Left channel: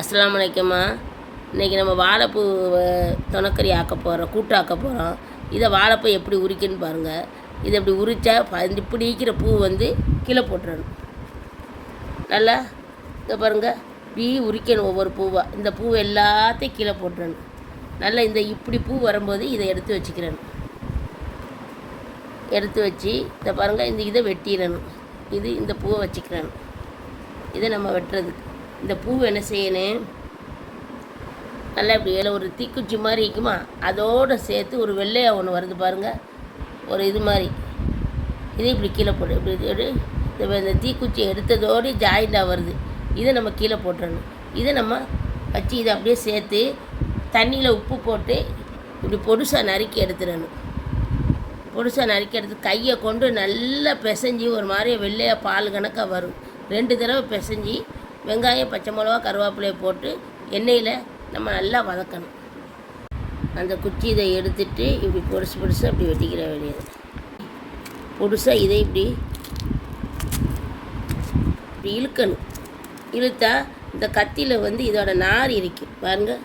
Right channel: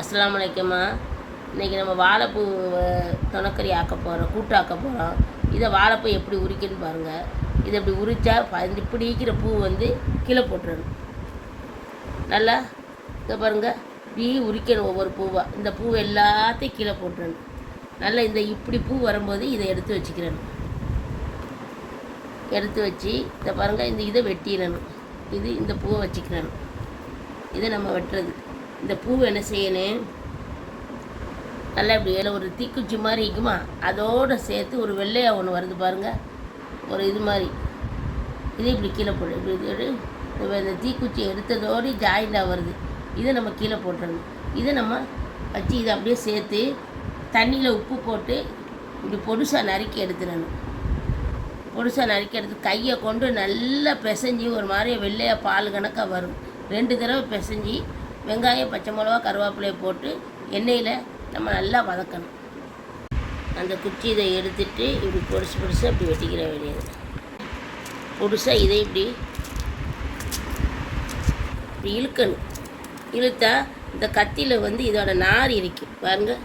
அஸ்ஸலாமு அலைக்கும்மா. இன்றைக்கி நம்ம வாழைப்பூ தொனக்கறி ஆக்க போகிறோம், கூட்டு ஆக்க போகிறோம். இதை வாழைப்பூ எப்படி உரிக்குன்னு பாருங்கள். இதை இப்படி உரித்தா இப்படி இருக்கிற பூ வந்து கீழே போட்டுறணும். நல்லா இதை பாருங்கள், இப்படி உரிக்கணும் ஒவ்வொரு பூவாக. இந்த பூ எல்லாத்தையும் கீழே போட்டுறணும். நல்லா இப்படி பூ வரும்போது இதை எடுத்து வச்சுக்கிறணும். எடுத்து வச்சு இதை பாருங்கள், இதை வெட்டிடணும். இந்த பூவை வச்சுக்கிறணும். இதை நம்ம வெட்டுறது. இந்த பூ என்ன செய்யணும், நல்லா இப்படி ஒரு தீக்குச்சி மாதிரி இருக்குமா, அதோடு சேர்த்து ஒரு வெள்ளையாக ஒன்று வருது பாருங்கள், ஒரு இது மாதிரி. இதை இப்படி கீழே போடு. இப்படி இந்த தீக்குச்சி எடுத்ததோடு ஜாயிண்டாக வருது. இதை நம்ம கீழே போட்டுறணும். இதை நம்ம வச்சு இதை அப்படியே சேர்த்து தண்ணியில் உப்பு போட்டு இப்படி பொடுசாக நறுக்கி எடுத்துடணும். பொடுசாக நறுக்கி எடுத்து கையை கொண்டு நல்லா பிசைஞ்சி ஒரு மாதிரி வெள்ளையாக பால் கணக்காக வரும். 2 தடவை பிசைஞ்சி வெங்காயம், பச்சை மிளகா, கருவேப்பிலையை போட்டு எண்ணெயில் நம்ம நல்லா வதக்கணும். அந்த குச்சி இதை எடுத்துட்டு இப்படி பொடுசாக அப்படி வெட்டிக்கிற வேண்டியது. பொடுசாக இதை இப்படி இழுக்கணும். இழுத்தா இந்த கத்தியில் வந்து இதோட நார் இருக்கும் பாருங்கள்,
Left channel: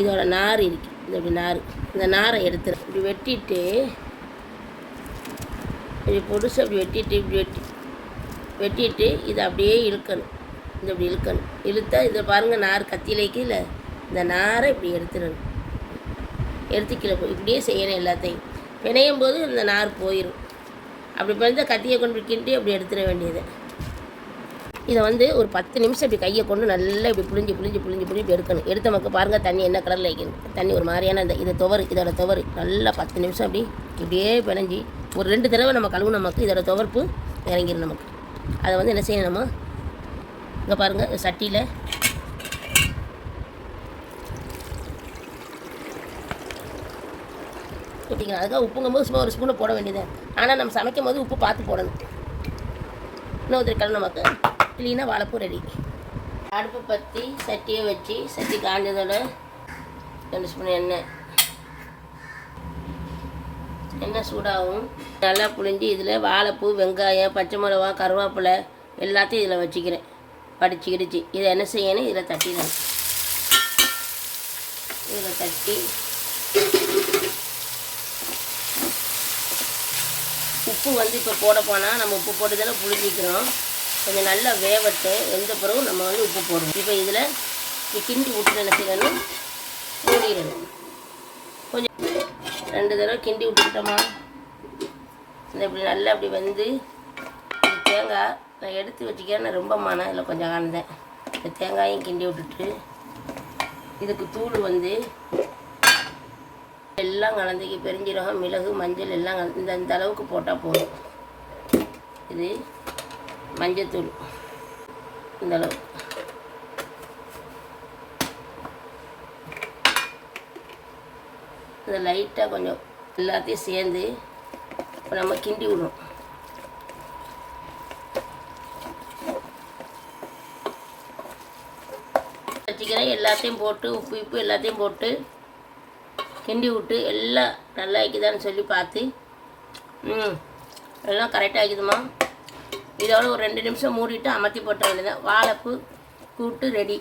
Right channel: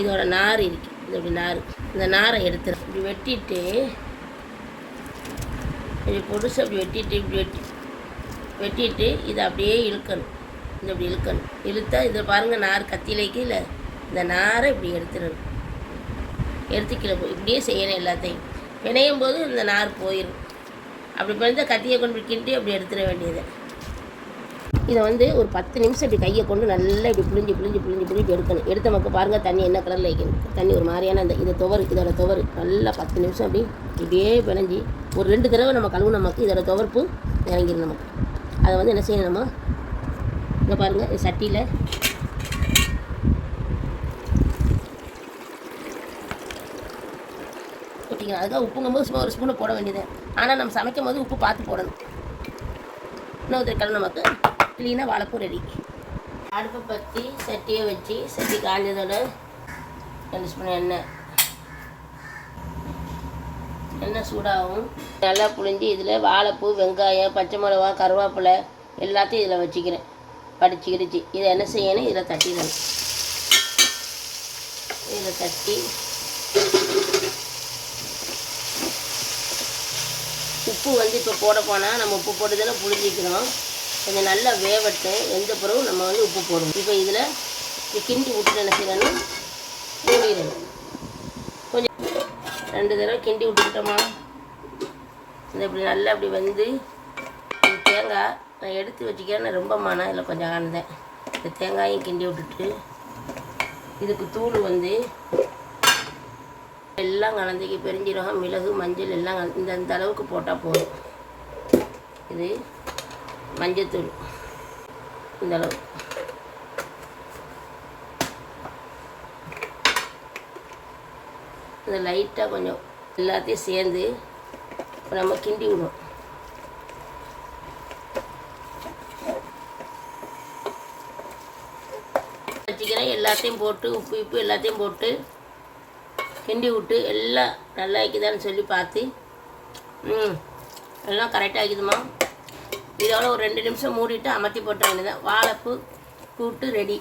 இதோட நார் இருக்கும். இப்படி நார், இந்த நாரை எடுத்துரு. இப்படி வெட்டிட்டு இப்படி பொடுசாக அப்படி வெட்டிட்டு இதை அப்படியே இழுக்கணும். இப்படி இழுக்கணும். இழுத்தா இதை பாருங்கள், நார் கத்தியிலேக்கு இல்லை, இந்த நாரை இப்படி எடுத்துடணும். எடுத்துக்கல இப்படியே செய்யணும். எல்லாத்தையும் பிணையும் போது இந்த நார் போயிடும். அப்படி பிணைந்தால் கத்தியை கொண்டு கிண்டி அப்படி எடுத்துட வேண்டியது. இதை வந்து ஒரு 10 நிமிஷம் இப்படி கையை கொண்டு நல்லா இப்படி புளிஞ்சு எடுக்கணும். எடுத்த மக்கள் பாருங்கள், தண்ணி என்ன கலரில் வைக்கணும். தண்ணி ஒரு மாதிரியான இதோட துவரு நல்லா 10 நிமிஷம் இப்படியே பிணைஞ்சி ஒரு 2 தடவை நம்ம கழுவு. நமக்கு இதோட துவர்ப்பு இறங்கிடும். நமக்கு அதை வந்து என்ன செய்யணும், நம்ம இங்கே பாருங்கள், சட்டியில் போட்டிங்க. அதுக்காக உப்புங்கும்போது சும்மா ஒரு ஸ்பூனை போட வேண்டியது. ஆனால் நம்ம சமைக்கும் போது உப்பு பார்த்து போடணும். இன்னொரு கலர் நமக்கு க்ளீனாக வாழைப்பூ ரெடி. அடுப்பு பற்றி சட்டியை வச்சு சட்டி காஞ்சதோட 2 ஸ்பூன் எண்ணெய் சூடாகும். நல்லா புழிஞ்சு இதில் வாழைப்பூ, வெங்காயம், பச்சை மிளகா, கருவேப்பிலை எல்லாத்தையும் இதில் வச்சுக்கிறேன். படிச்சுக்கிடுச்சு. இதை என்ன செய்யணும், இதில் தட்டிடணும். இதில் தட்டி உப்பு வந்து இப்போ போட போனால் நம்ம உப்பு போட்டு தானே புளிஞ்சிக்கிறோம். கொஞ்சம் நல்லா வேவட்டு. எந்த பிறகும் நம்ம வந்து உப்பு போடுவோம். இப்போ இதில் கிண்டி விட்டு என்ன செய்யணும், மூடிடணும். கொஞ்சம் 2 தடவை கிண்டி விட்டுக்கிட்டோமா, இப்படி நல்லா அப்படி வந்து தேங்காய் நான் எடுத்து வச்சுக்கிறேன். ரொம்ப மனம் இல்லை, கொஞ்சம் காணுதேன். இந்த தேங்காயும் கிண்டி விட்டுட்டு இதுக்கு தூள் வந்து எல்லாம் கலந்துக்கி பெருஞ்சீரகம், மிளகு, மஞ்சள் எல்லாம் இந்த அளவுக்கு போட்டால் போதும். இது மஞ்சத்தூள் இந்த அளவு. இந்த லைட்டாக கொஞ்சம் எல்லாத்தையும் சேர்ந்து இப்போ நம்ம கிண்டி விடணும். வச்சுக்கிறேன். எல்லாத்தையும் போட்டு உப்பு எல்லாத்தையும் போட்டு கிண்டி விட்டு எல்லாம் நல்லா ஆக்கிதான்னு சொல்லி பார்த்து எல்லாம் கரெக்டாக ஆக்கிதுமா. இதோட ஒரு 2 நிமிஷம் மூடிட்டு அமர்த்தி போட்ட வேண்டியதான். வாழைப்பூ கூட்டு ரெடி.